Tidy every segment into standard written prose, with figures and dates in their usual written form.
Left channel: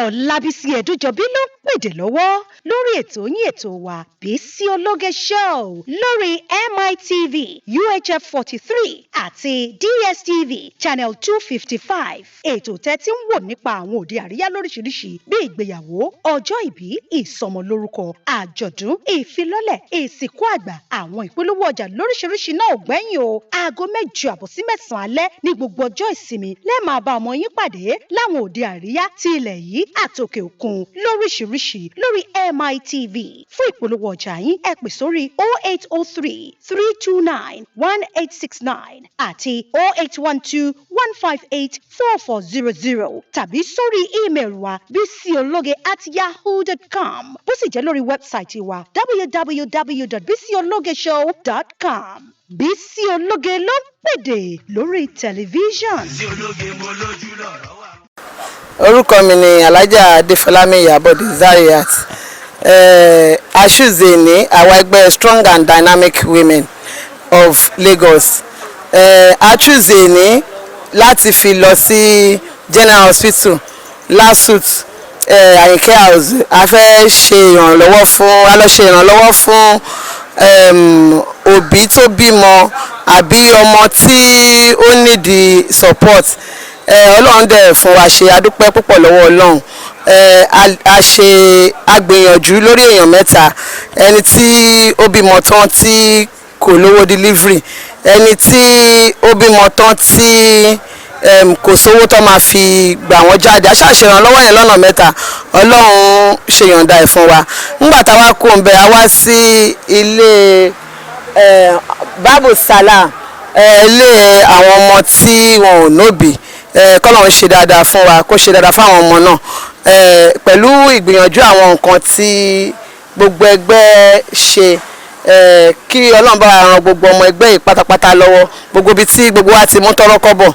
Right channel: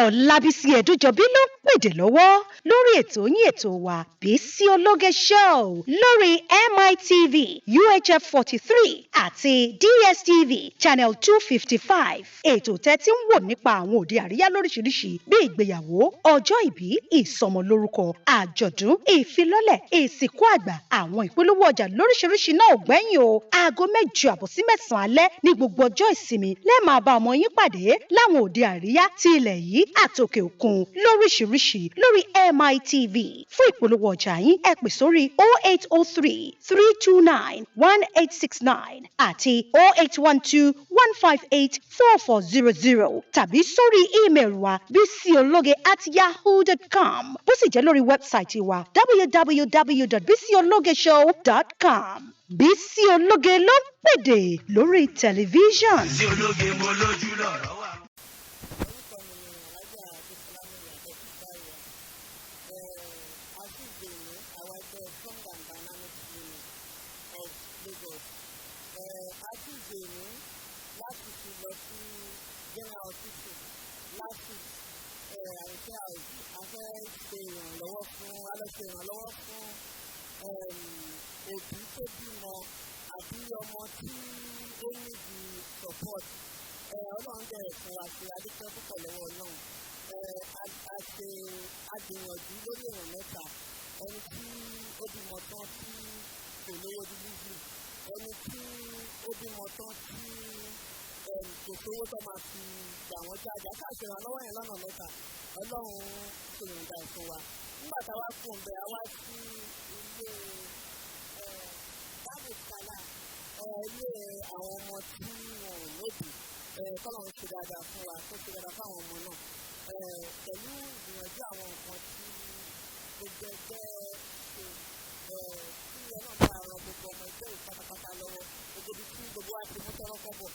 Ọlábísí Ẹ̀dújọbí ló ń pèdè lọ́wọ́ lórí ètò yín ètò wa Bisi Ologe Show lórí MITV UHF 43 àti DSTV channel 255. Ètò tẹ́tí ń wò nípa àwọn òde àríyá lóríṣiríṣi bí ìgbéyàwó, ọjọ́ ìbí, ìsọmọlórúkọ, àjọ̀dún, ìfilọ́lẹ̀, ìsìnkú àgbà, àwọn ìpolówó ọjà lóríṣiríṣi náà ò gbẹ́yìn o. Aago 8 sí 9 alẹ́ ní gbogbo ọjọ́ ìsinmi lẹ́ẹ̀ máa bá ọmọ yín pàdé láwọn òde àríyá ti ilẹ̀ yìí àtòkè òkun lóríṣiríṣi lórí MITV. Fún ìpolówó ọjà yín ẹ pè sórí 0803 329 1869 àti 0812 158 4400 tàbí sórí ímeèlì wa bisiologe@yahoo.com. Bó sì jẹ́ lórí wẹ́bsáìtì wa www.bisiologeshow.com. Bisi Ologe ló ń pèdè lórí tẹlifíṣàn. Orúkọ mi ni Alájà Adéfọlámi Ìyábọ̀dé Zariat. Aṣùzè ní àwọn ẹgbẹ́ Strong and Dynamic Women of Lagos. Aṣùzè ní láti fi lọ sí General Hospital Lasuth Àyìnkẹ́ House. A fẹ́ ṣe ìrànlọ́wọ́ fún òbí tó bímọ àbí ọmọ tí ó nídìí support. Ọlọ́run dẹ̀ fún wa ṣe adúpẹ́ púpọ̀ lọ́wọ́ Ọlọ́run. A gbìyànjú lórí èèyàn mẹ́ta, ẹni tí ó bímọ tán tí kò lówó delivery, ẹni tí ó bímọ tán tí kò sówó tó máa fi gbà wọ́n jáde. A ṣàṣèrànlọ́wọ́ yẹn lọ́nà mẹ́ta. Ọlọ́run ṣe yọ̀ǹda ẹ̀ fún wa. Nígbà táwa kó ń bẹ a wá sí ilé Babu Salah, ilé àwọn ọmọ tí wọn ò nóbì. Kọ́lọ́run ṣe dáadáa fún wa, kó ṣe dáadáa fáwọn ọmọ náà. Pẹ̀lú ìgbìyànjú àwọn nǹkan tí gbogbo ẹgbẹ́ ṣe, kí Ọlọ́run bá ran gbogbo ọmọ ẹgbẹ́ yìí pátápátá lọ́wọ́. Gbogbo ibi tí gbogbo wa ti mú tọ́rọ́ kọ́bọ̀,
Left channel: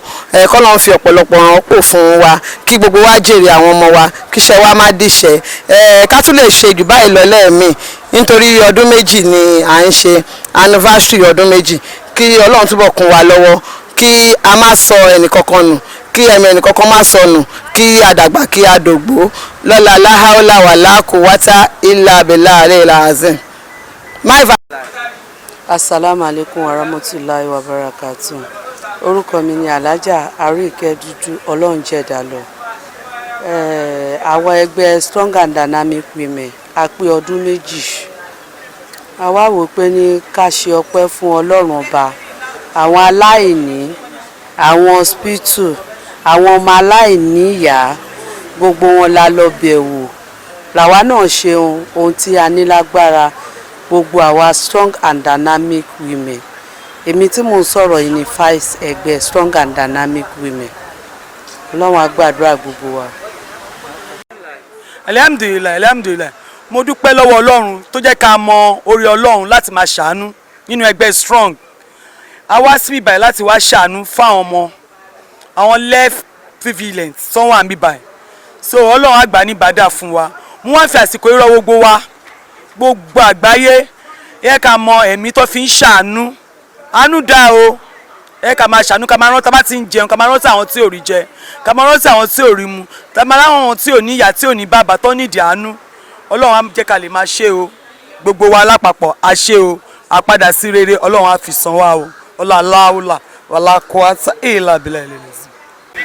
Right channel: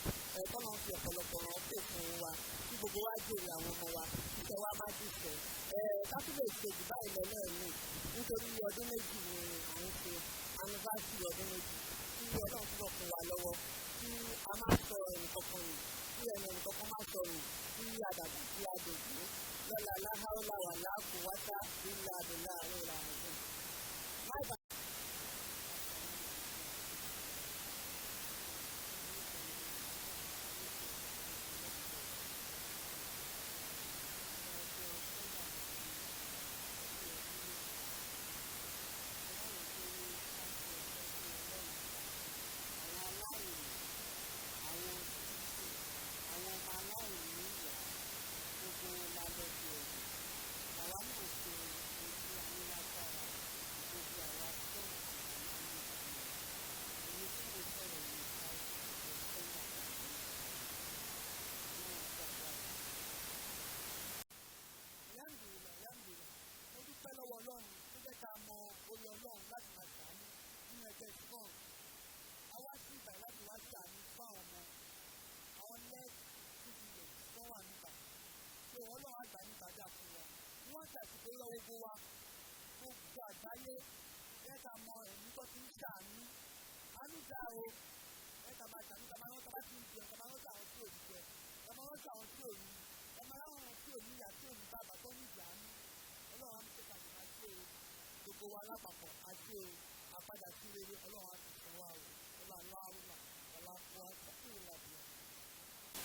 kọ́lọ́run fi ọ̀pọ̀lọpọ̀ ràn pò fún wa, kí gbogbo wa jèrè àwọn ọmọ wa, kí iṣẹ́ wa má dìṣẹ́. Ká tún lè ṣe jù báyìí lọ lẹ́ẹ̀mí nítorí ọdún méjì ni à ń ṣe anniversary ọdún méjì. Kí Ọlọ́run túbọ̀ kún wa lọ́wọ́, kí a má sọ ẹnìkankan nù, kí ẹ̀mí ẹnìkankan má sọnù, kí àdàgbà kí àdògbò lọ́la láhàólà wà láàkúwátá ìlà abẹ́là àlẹ́ ìlà azim. Assalamu alaikum warahmatullahi wabarakatuh. Orúkọ mi ni Alájà Àríkẹ́ Dúdú Ọlọ́runjẹ̀dálọ. Àwọn ẹgbẹ́ Strong and Dynamic Women a pé ọdún méjì. A wá wò pé ní ká ṣe ọpẹ́ fún Ọlọ́run Ọba, àwọn aláìní, àwọn hospital, àwọn ọmọ aláìní ìyá, gbogbo wọn la lọ bẹ̀wò. Làwa náà ṣe ohun tí a ní lágbára, gbogbo àwa Strong and Dynamic Women. Èmi tí mò ń sọ̀rọ̀ yìí ni vice ẹgbẹ́ Strong and Dynamic Women. Ọlọ́run á gbàdúrà gbogbo wa. Alhamdulillah. Mo dúpẹ́ lọ́wọ́ Ọlọ́run tó jẹ́ ká mọ orí Ọlọ́run láti máa ṣàánú nínú ẹgbẹ́ Strong. A wá síbí báyìí láti wá ṣàánú fáwọn ọmọ, àwọn left prevalent tó wà níbí báyìí. So Ọlọ́run á gbà ní bàdà fún wa. Mo wá fi àsìkò irọ́ gbogbo wa, gbogbo àgbáyé, ẹ ká mọ ẹ̀mí tó fi ń ṣàánú. Àánú dá o. Ẹ ká máa ṣàánú, ká máa rántí bá ti ń jẹun, ká máa rántí àwọn tí ò rí jẹ, ká máa rántí àwọn tí ò rí mu, ká máa rántí àwọn tí ò ní ìyá, tí ò ní bàbá tó nídìí àánú. Ọlọ́run á jẹ́ ká lè máa ṣe o. Gbogbo wa lápapọ̀ a ṣe o. A padà sí rere, Ọlọ́run á fi san wa o. Ọláláúlà wàlá kọ́átà ìlà bílà ìlẹ̀lẹ̀sì.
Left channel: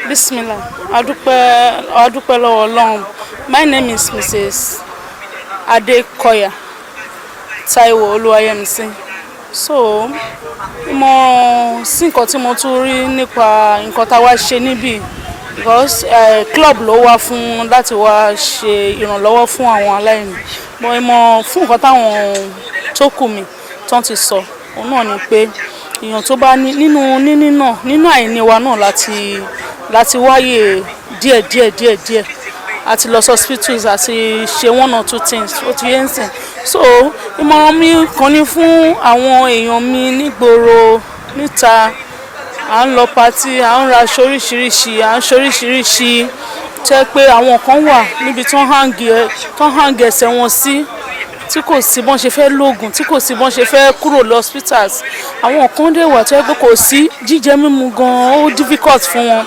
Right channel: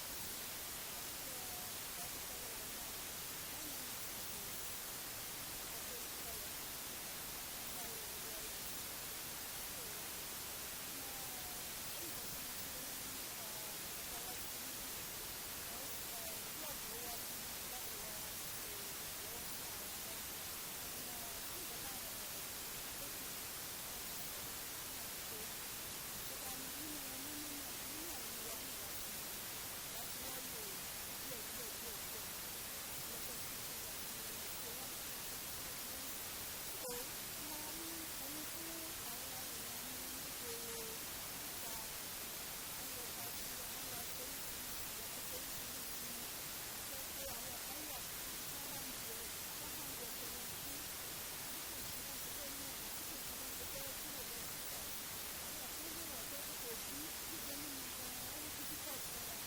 Bismillah. Adúpẹ́ lọ́wọ́ Ọlọ́run. My name is Mrs. Adekoya Taiwo Oluwayemisi. So, mo sí nǹkan tí mo tún rí nípa nǹkan tá wá ṣe níbí, because club ló wá fún láti wá ṣe ìrànlọ́wọ́ fún àwọn aláìní. Mo fún nǹkan táwọn tó kù mi tán ti sọ, òun náà ni pé èèyàn tó bá nínú àìní wa náà láti wáyé díẹ̀ àti lọ hospitals àti ṣe one or two things ó ti yẹn sìn. So ìmọ̀ràn mi kan ní fún àwọn èèyàn mi nígboro níta, à ń lọ party, à ń ra oríṣiríṣi, à ń ṣoríṣiríṣi, tẹ́ pé àwọn kan wà níbi tó hang ẹsẹ̀ wọn sí, tí kò sí bọ́n ṣe fẹ́ lóògùn, tí kò sí bọ́n ṣe fẹ́ kúrò lọ hospitals. Àwọn kan dẹ̀ wà tó yẹ pé kò sí jíjẹ mímu gan, ó difficult fún wọn.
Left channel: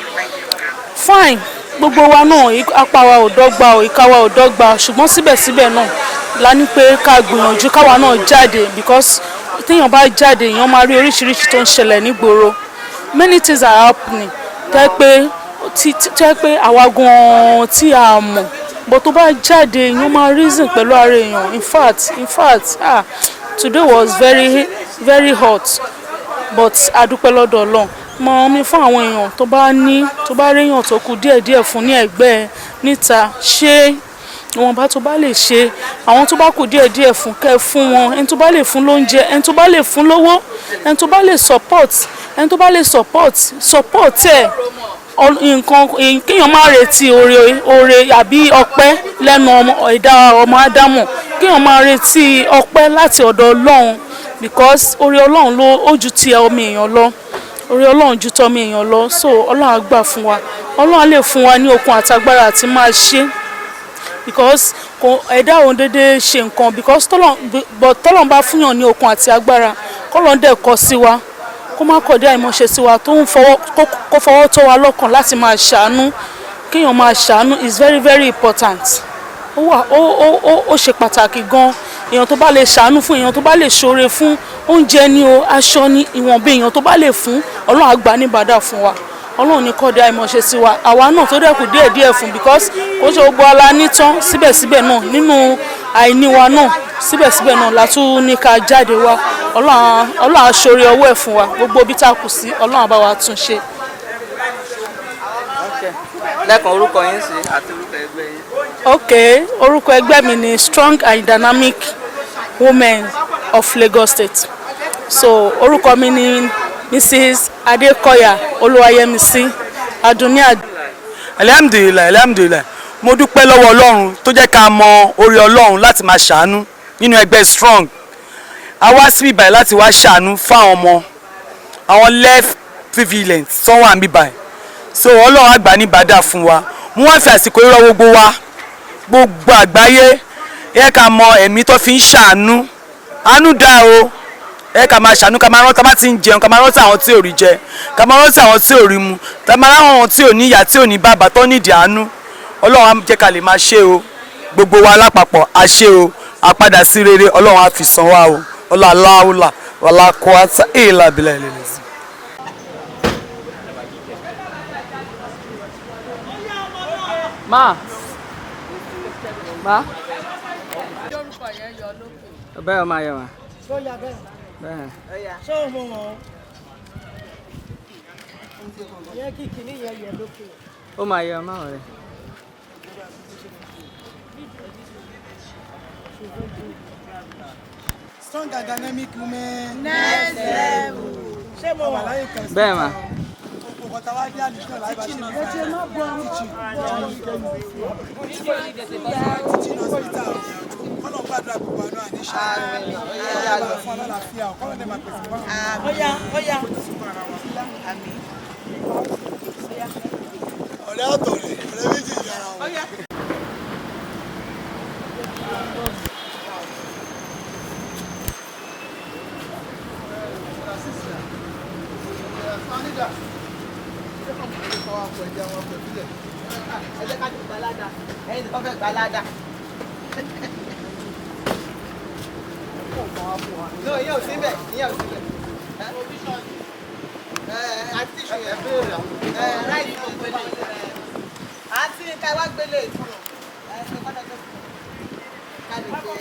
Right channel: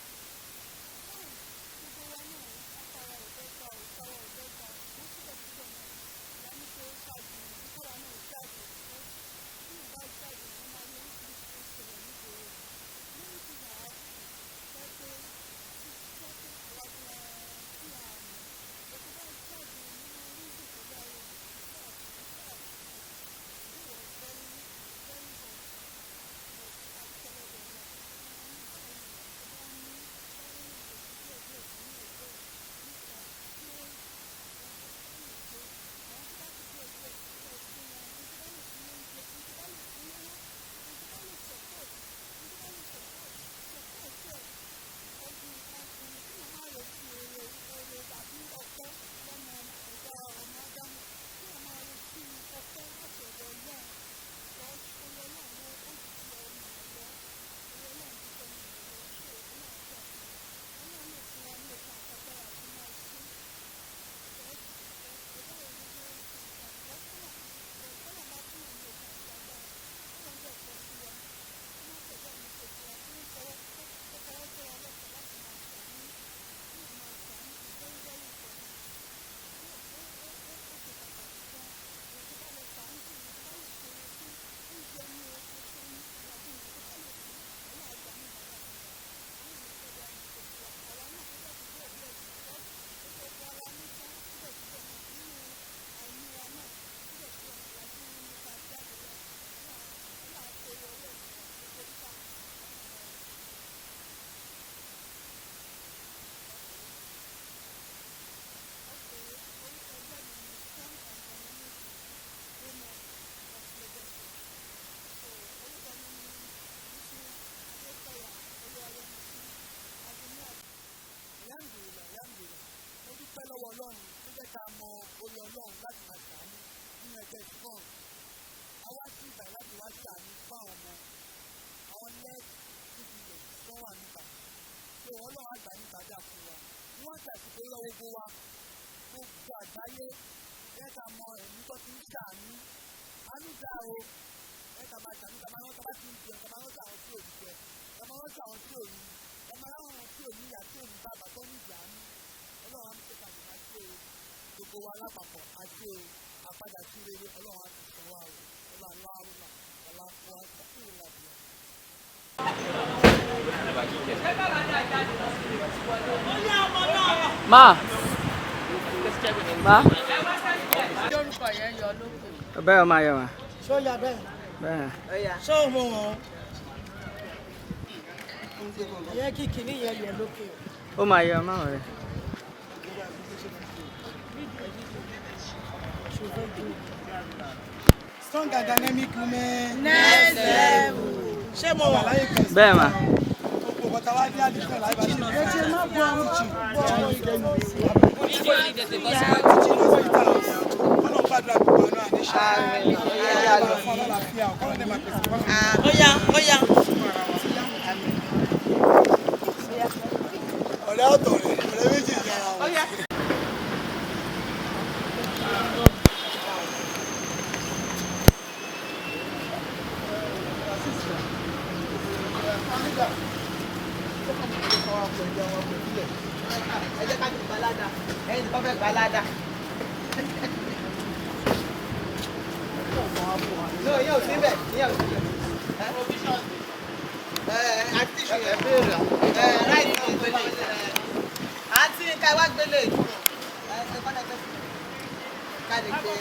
Fine, gbogbo wa náà apá wa ò dọ́gba o ìka wa ò dọ́gba ṣùgbọ́n síbẹ̀síbẹ̀ náà la ní pé ká gbìyànjú káwa náà jáde because téèyàn bá jáde èèyàn máa rí oríṣiríṣi tó ń ṣẹlẹ̀ nígboro many things are happening tẹ́ pé àwa gan-an tí a mọ̀ bó tó bá jáde èèyàn máa reason pẹ̀lú ara èèyàn in fact today was very very hot but a dúpẹ́ lọ́dọ̀ Ọlọ́run mọ mi fún àwọn èèyàn tó bá réèyàn tó kù díẹ̀díẹ̀ fún ní ẹ̀gbẹ́ níta ṣé ìwọ̀nba tó bá lè ṣe àwọn tó bá kù díẹ̀díẹ̀ fún kẹ́ fún wọn ẹni tó bá lè fún lóúnjẹ ẹni tó bá lè fún lówó ẹni tó bá lè support ẹ̀ nǹkan kéèyàn má retí oore àbí ọpẹ́ lẹ́nu ẹ̀dá ọmọ ádámù kéèyàn má retí ọpẹ́ láti ọ̀dọ̀ Ọlọ́run because oore Ọlọ́run ló ó ju ti ọmọ èèyàn lọ oore Ọlọ́run ju tọmọ èèyàn lọ so Ọlọ́run á gbà fún wa Ọlọ́run á lè fún wa ní okun àtagbára àti máa ṣe because ẹ̀dá òun dédé ṣe nǹkan because tọ́lọ́run bá fúnyàn ní okun àti agbára kọ́lọ́run dẹ̀ kọ sí wa kó má kọ̀dé àìmọ̀ṣe sí wa tó ń kó fọwọ́ tó wa lọ́kàn láti máa ṣàánú kéèyàn máa ṣàánú is very very important ó ṣe pàtàkì gan èèyàn tó bá lè ṣàánú fún èèyàn tó bá lè ṣoore fún oúnjẹ ní o aṣọ ní ìwọ̀nba èèyàn tó bá lè fún Ọlọ́run á gbà ní bàdà fún wa Ọlọ́run ní kọ̀dé àìmọ̀ṣe sí wa àwa náà tó dẹ́kù díẹ̀díẹ̀ fún because kò ṣe gbogbo ala ní tán síbẹ̀síbẹ̀ náà nínú àìní wa náà síbẹ̀síbẹ̀ náà la tún ní ká jáde wá Ọlọ́run á ṣoore ọwọ́ ẹ̀ fún wa gbogbo ibi tá a kù sí Ọlọ́run á bá wa tún ṣe. lẹ́kàn orúkọ yín sí àti orúkọ ẹgbẹ́ yín. ok orúkọ ẹgbẹ́ mi ni Strong and Dynamic Women of Lagos State so orúkọ mi ni Mrs. Adekoya Oluwayemisi Adunni. alhamdulilayi mo dúpẹ́ lọ́wọ́ Ọlọ́run tó jẹ́ ká mọ oore Ọlọ́run láti máa ṣàánú nínú ẹgbẹ́ Strong a wá síbí báyìí láti wá ṣàánú fáwọn ọmọ àwọn left prevalent tó wà níbí báyìí so Ọlọ́run á gbà ní bàdà fún wa mo wá fi àsìkò irọ́ gbogbo àgbáyé ẹ ká mọ ẹ̀mí tó fi ń ṣàánú àánú dá o ẹ ká máa ṣàánú ká máa rántí bá ti ń jẹun ká máa rántí àwọn tí ò rí jẹ ká máa rántí àwọn tí ò rí mu ká máa rántí àwọn tí ò ní ìyá tí ò ní bàbá tó nídìí àánú Ọlọ́run á jẹ́ ká lè máa ṣe o gbogbo wa lápapọ̀ á ṣe o àpadà sí rere Ọlọ́run á fi san wá o ọlọ́láwùlà wàlákùátà èèlà bílẹ̀ ìlẹ̀lẹ̀ sí. Ma. Bẹ́ẹ̀ o máa yọ wá. Ṣó ya bẹ́ẹ̀? Bẹ́ẹ̀. Ṣé o mọ̀ wọ́n? Yẹ kí kìíní yẹn yọ lókè. Ó máa yọ máa rẹ̀. Strong and Dynamic Women. Next level. Ṣé mo wà láyé kan? Bẹ́ẹ̀ ma. Oko bọ̀tà wá dé àdìsán láì bá ti rí. Ẹ jẹ́ má bọ̀ àwọn jù. Ọlọ́run gbàdúrà gbogbo àná àníṣà. Ọlọ́run fún ọlọ́láfíà ọ̀kọ́lọ́ dẹ̀ máa pèsè fún àwọn. Ọ̀yá. Ọ̀rẹ́ ọ̀tọ̀ rẹ̀, ọ̀rẹ́ méjì ìyá. Ẹ jẹ́ ká jù gbalada ẹ̀yin nìkan fẹ́ gbalada. Yóò síbẹ̀ àti àti ká wá gbélé ká lè gbé.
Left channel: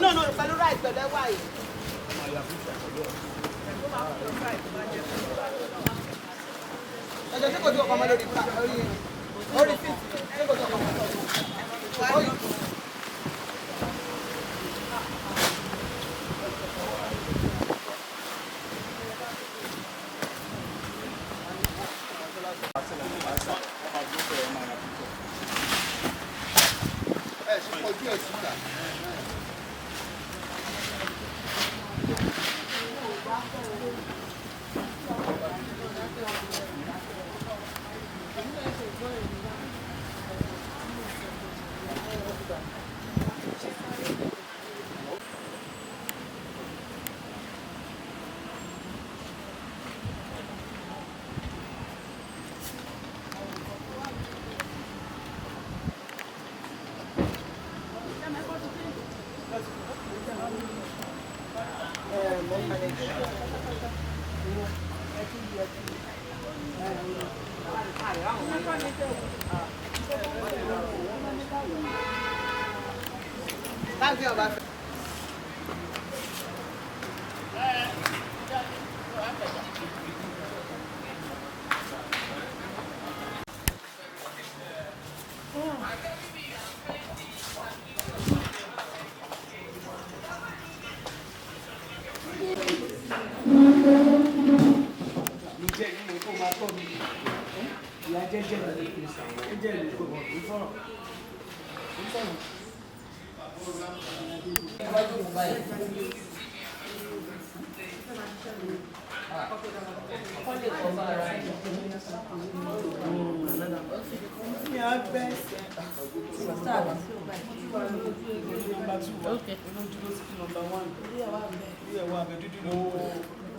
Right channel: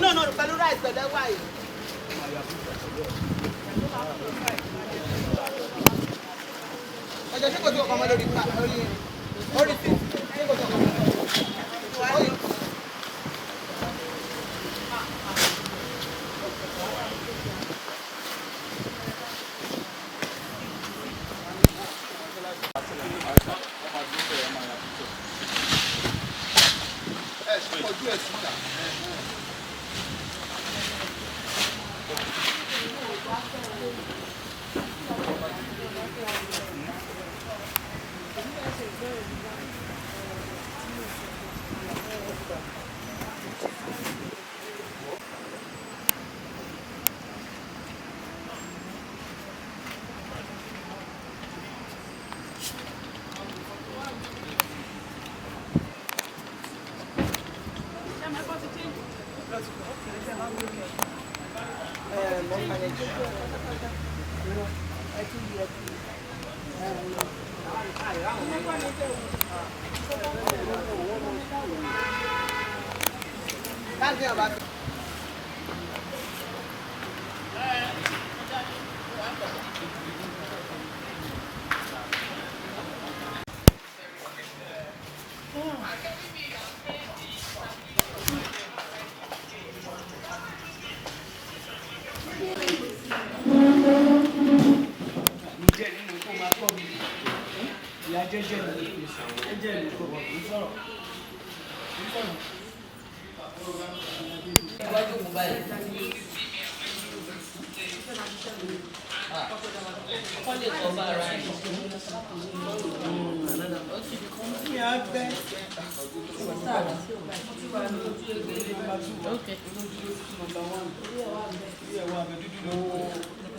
No, pẹ̀lú rice pẹ̀lú ẹ̀wà yìí. Ọjọ́ ṣé kò tí ọkọ̀ ọmọ lórí fíìsì ṣé kò tí ọkọ̀ ọmọ lórí. Okay.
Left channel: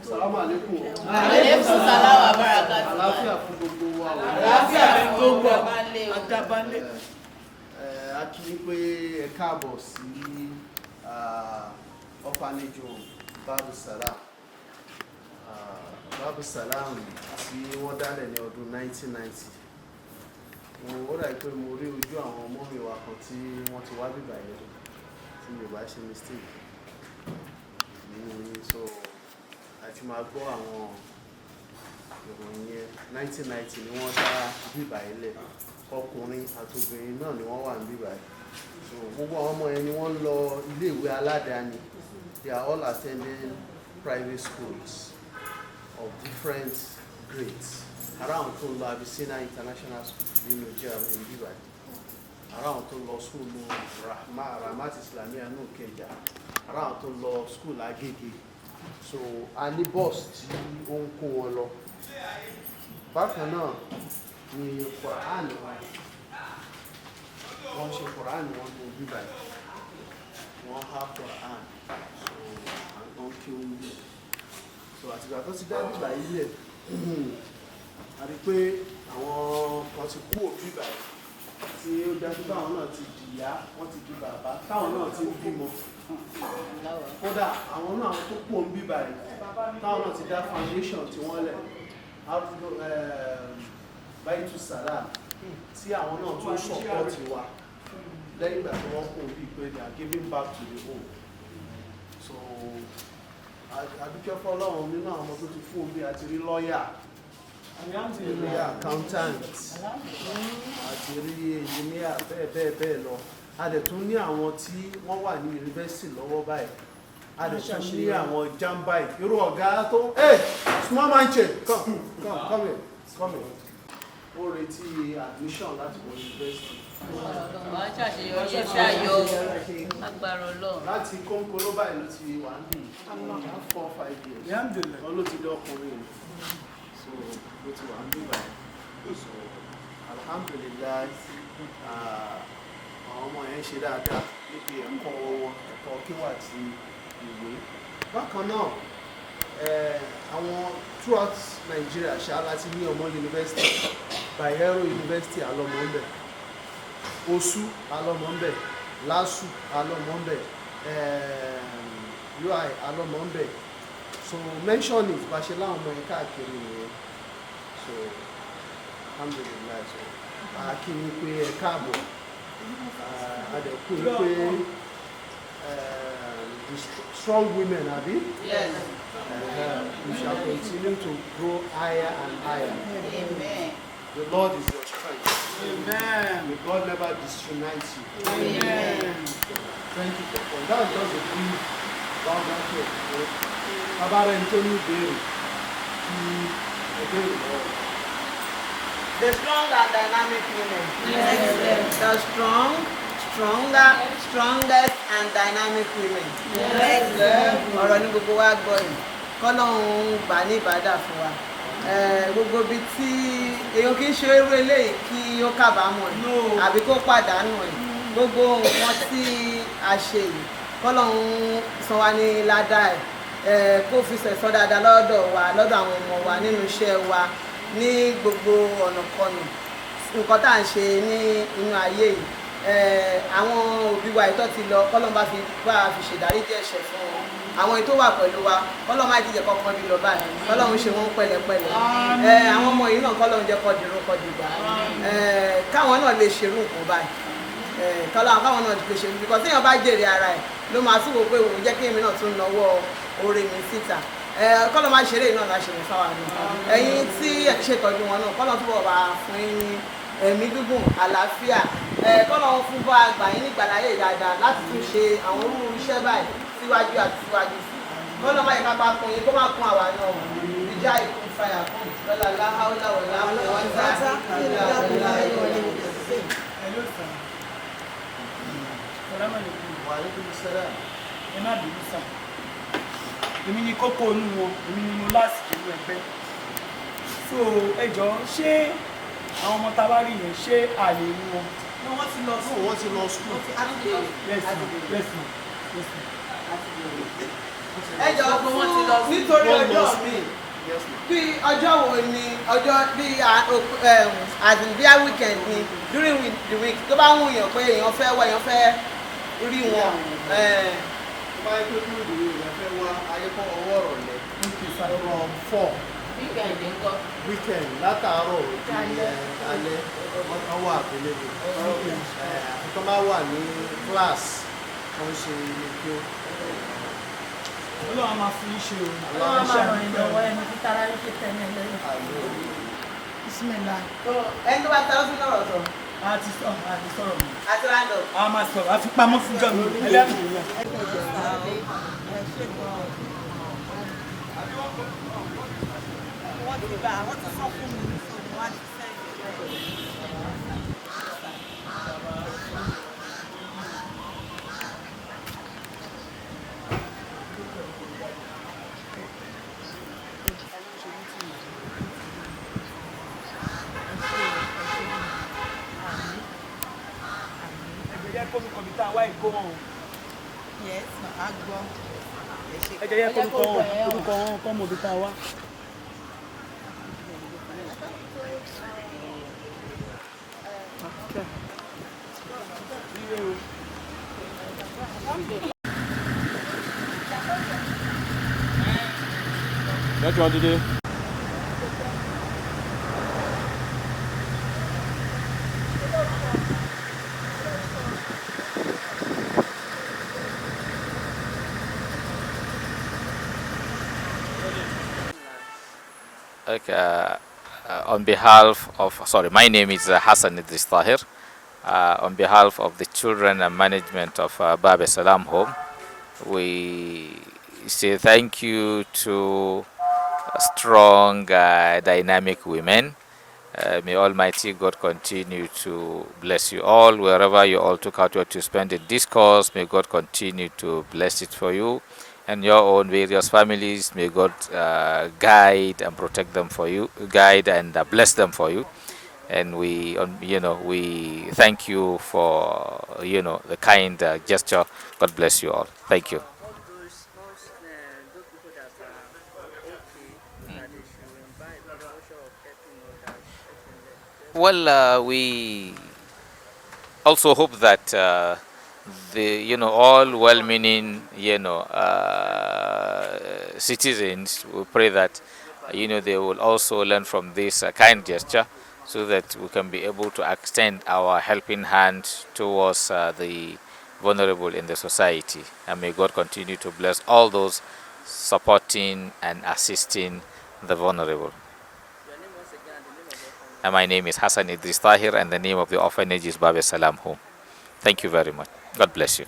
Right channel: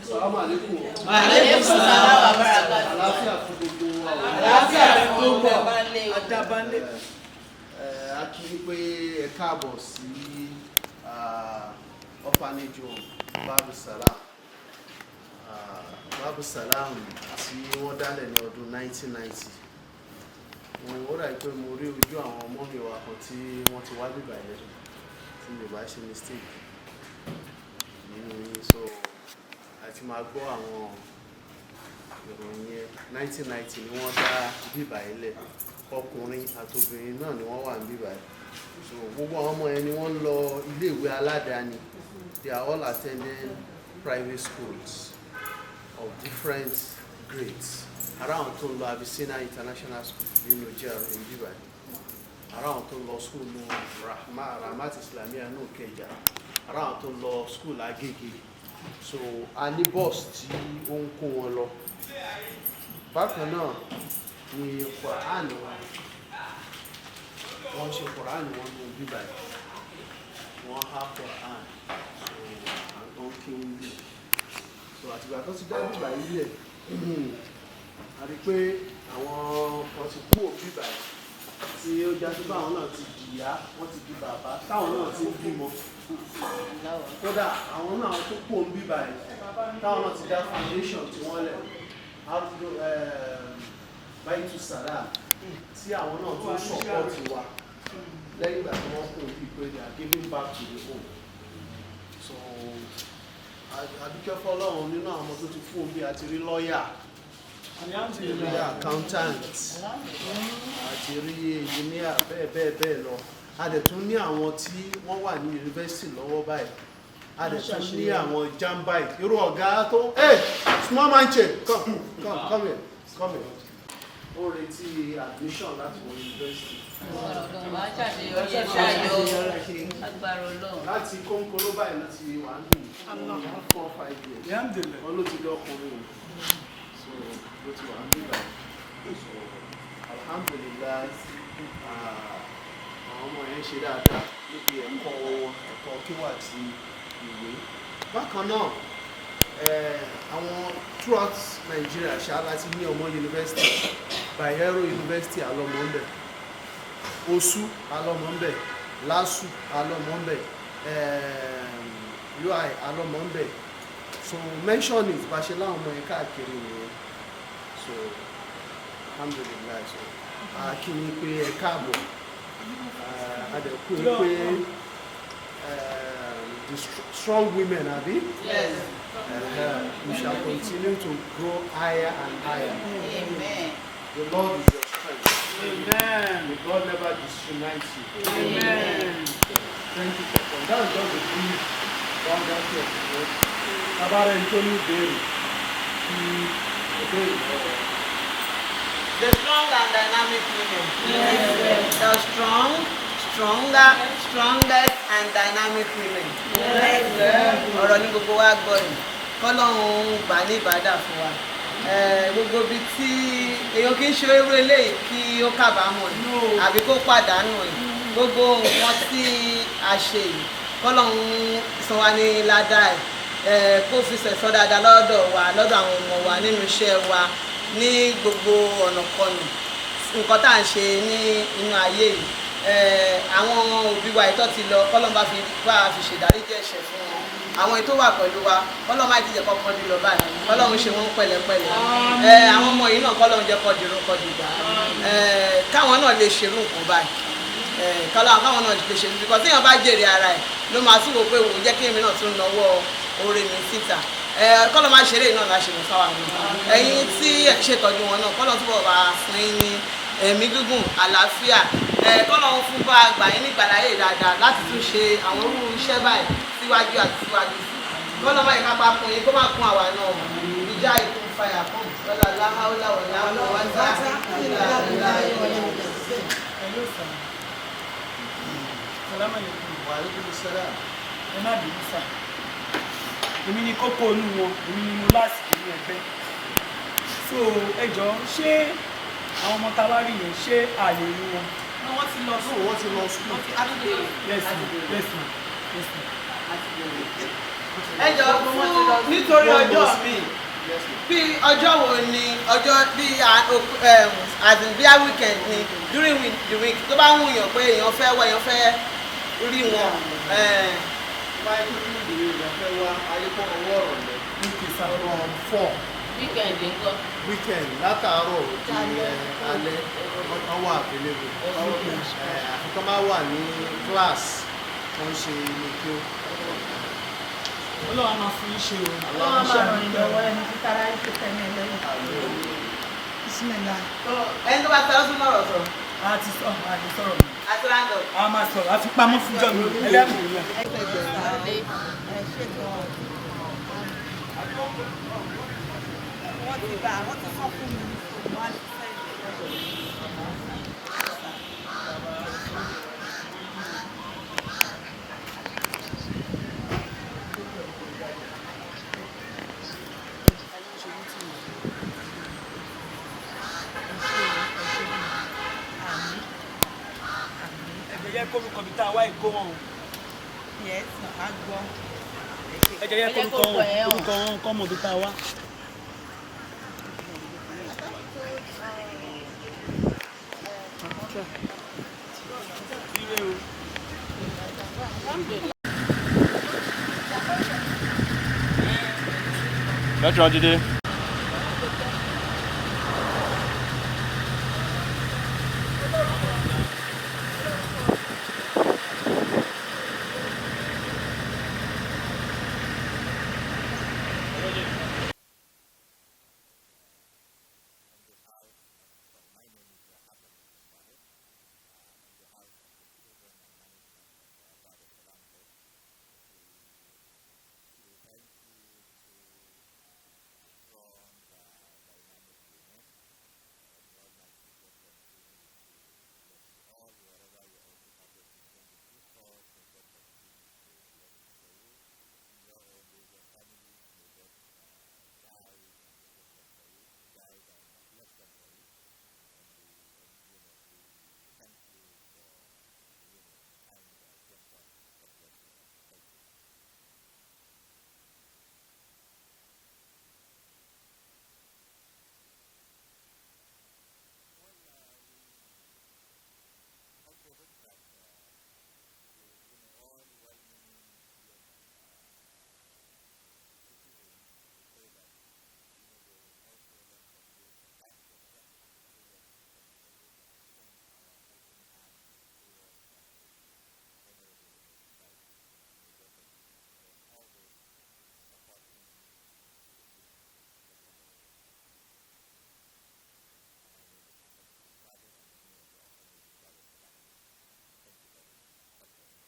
Assalamu alaikum. Alaikum salaam wa barakatuh. Àlàáfíà fún gbogbo wa. Àlàáfíà fún gbogbo wa. Adábálé. A kí i pé ẹ káàbọ̀ sí orphanage home Babu Salam. Babu Salam tí wọ́n dálẹ̀ ní ọdún 1990. Ó rà pé mo rí ojú àwọn ọmọ mi wa kan tí wọ́n ti wá bíbá yẹn tí mi ò bá ṣe mistake nínú yín, so àti máa gbọ́ àwọn ìròyìn yẹn. 1990 ni wọ́n dá bíbá yẹn lẹ̀, ọkùnrin àti obìnrin náà ni wọ́n wà ní bíbá yẹn. So gbogbo àwọn ọmọ yẹn ni wọ́n lọ iléèwé aládàáni. They are all attending private schools of different grades. Ara àwọn tó lọ Abyssinia International School ní Nigeria ní bíbá yẹn. Ara àwọn tó lọ school ní Rahmat Islamiyah ní Òkèjà. Ara àwọn tó lọ school Agége. So a ní bus tí ó ń kó wọn lọ. Bákan náà ni Quran wọ́n ṣe Quran wọn ní bíbá yìí, wọ́n há Quran, so àwọn kí ó ń bí. So àtìgbà tó ti dá bíbá yìí lẹ̀, a rí pé àwọn kan ti kú òbíbá yìí tí ó dájú pé àwọn náà ti dìyá, wọ́n ti di bàbá, táwọn náà ti ń bímọ. Kódà àwọn náà tó kú òbíbá yìí, táwọn náà ti dá foundation tí wọ́n lẹ̀, Baitu Salam, tí àwọn náà tó support wa lẹ́yìn ìgbà tí wọ́n kú òbí pé they are giving back to the home. So adúkẹ́ fọ́lọ́run nínú àwọn ọmọ tó ti kú òbí àti rí lọ́ọ̀yà, àti rí accountant, àti rí engineer, bẹ́ẹ̀ lọ. A dẹ̀ tún ní àwọn tí wọ́n wà ní yunifásitì lọ́wọ́ báyìí. A dẹ̀ tún ní àwọn jambai, irú ọ̀gá tó small man chair, come here. Ó retí admission láti wọ yunifásitì. Láti kónkóló báyìí ló ti wà ní 4-5 years. Wọ́n ló ti lé ọkùnrin rẹ̀, so ló ti wà ní báyìí. So alhamdulillah, àwọn ọmọ yẹn ṣe dáadáa níbi ẹ̀kọ́ wọn, ẹ̀kọ́ kíwà àti ìwé. Bákan náà, àwọn throughout Nigeria ṣá láti ní ọmọ university, Bayero University alọ́mọ ń bẹ̀, Osu alọ́mọ ń bẹ̀, Lasuth alọ́mọ ń bẹ̀, UI alọ́mọ ń bẹ̀. So mention it bá ṣe láwọn ọmọ yẹn káàkiri nìyẹn. So alhamdulillah, so a kí yín pé ẹ káàbọ̀, a dẹ̀ kú yín pé the strong women, abi? Yes. We shall continue to grow higher and higher. Amen. The Lord is your strength. Amen. May God never disunites you. Amen. Thank you for that. That's just a brief roundup here. About Anthony Berry. The strong and dynamic women. Yes. The strongest and dynamic women. Ọ̀rọ̀ ní gbogbo wa gbọ́ yìí, kọ́lọ́hún gbà ní ìbádà fún wa. Gbogbo ibi tí èèyàn kì í ṣe eré eléyìí kí ó kábàámọ̀ ẹ̀ àbí kó pàdánù ẹ̀. Gbogbo nǹkan tí a ṣe yìí, kọ́lọ́hún san wa ní ládàá ẹ̀, kó fi sẹ̀sọ́ dáadáa lọ́dọ̀ wa, lọ́dọ̀ àwọn ọmọ wa, nínú iṣẹ́ wa, ní gbogbo ọ̀nàkọnà. Nǹkan tá à ń ṣe ní inú ayé yìí, àwọn òbí wa ìtọ́ ti lọ kọ́lọ́n bá fi ṣèdáríjì ẹ̀ṣẹ̀ fún wọn àwọn ètò wà pẹ̀lú wa kọ́lọ́n má ti jẹ́ kọ́kọ́ bí lọ báyìí kọ́lọ́n ṣe wọ́n pẹ̀lẹ́pẹ̀lẹ́ àwọn ọmọ yìí náà kọ́lọ́n jẹ́ kọ́ dirun kọ́ dìgbà káwọn náà lè ṣerú nǹkan báyìí káwọn náà lè ṣerú nǹkan tí èèyàn bá jèrè ara ẹ̀ ló máa tún wò pé òun jẹ́ kí èmi náà tún nawọ́ oore mi síta kọ́lọ́n má ṣeré náà láṣẹ mi fáwọn náà ẹ̀yin tí ẹ̀ ṣètọ́jú wọn náà kọ́lọ́n túbọ̀ bá fún yín ní ẹ̀mí gígùn àlàáfíà kọ́lọ́n fún bá gbà yín nígbàláyè dáadáa láti tún ṣe àwọn irú iṣẹ́ báyìí síwájú àti síwájú kọ́lọ́n má yẹ ká bá kún yín kó má kún àwa náà ìjà ìkún fàyà kún lọ́la láhàólà wọ̀lá wọn dá ẹ má bínú sá èmi ni kókó inú wọn èmi ni mo lásìkò nínú ẹgbẹ́ so ẹ jọ ṣé àwọn ọmọ tá a bá rí yẹn ṣé ààyè inú wọn. wọ́n ti lọ sùn wọ́n ti lọ sùn. yes ma yes ma yes ma. ẹ jọ fún nítorí ọjọ́ mi bí ọjọ́ wo ni ọjọ́ bí bíi weekend ni during the week tó bá ń wùyàn pé èèyàn fẹ́ wá èèyàn fẹ́ rí wọn. bá a tó dúró ìdílé ìgbà fẹ́ wá alẹ́kọ̀ọ́ ọwọ́ ọ̀rọ̀ lẹ. okay sir from 4. weekend ńkọ́. weekend látàárọ̀ di alẹ́ ọwọ́ àbẹ̀lẹ́bù àfi tó bá wà ní class tó ń ṣe ilé kí ó. Ọlọ́run máa fún yín ṣe o. Ọlọ́run máa ràn yín lọ́wọ́ ẹni tí tara yín pété ní ẹlẹ́yìn. Bísímẹ́lá. ẹni tó bá tẹ́lá sún lọ́rọ̀ sọ. a ti sọ̀rọ̀ mi. àti rándọ̀. a máa sọ̀rọ̀ a fi pamọ́ fún jọ mi ẹlẹ́mìíràn. Wọ́n ti bá wọ́n ti sọ fún mi wọ́n á ṣiṣẹ́ jẹ́ kó mi kọ̀ bí tá a wá ìkó wọn o. Yes, màá gbọ́. ẹ jẹ́ kó mi kọ̀ wọn kọ́ mọ̀ bí tá a wá. That's today. Okay, on behalf of, my name is Hassan Idris Tahir. On behalf of the children and management of Babe Salam Home, we say thank you to strong, dynamic women. May Almighty God continue to bless you all. Wherever you all took out to spend in this cause, may God continue to bless it for you and your own various families. May God guide and protect them for you, guide and bless them for you. And we thank you for, the kind gesture. God bless you all. Thank you. Well, we also hope that all well-meaning, citizens, we pray that, they will also learn from this kind gesture, so that we can be able to extend our helping hand towards the vulnerable in the society. And may God continue to bless all those supporting and assisting the vulnerable. And my name is Hassan Idris Tahir, and the name of the orphanage is Babe Salam Home. Thank you very much. God bless you.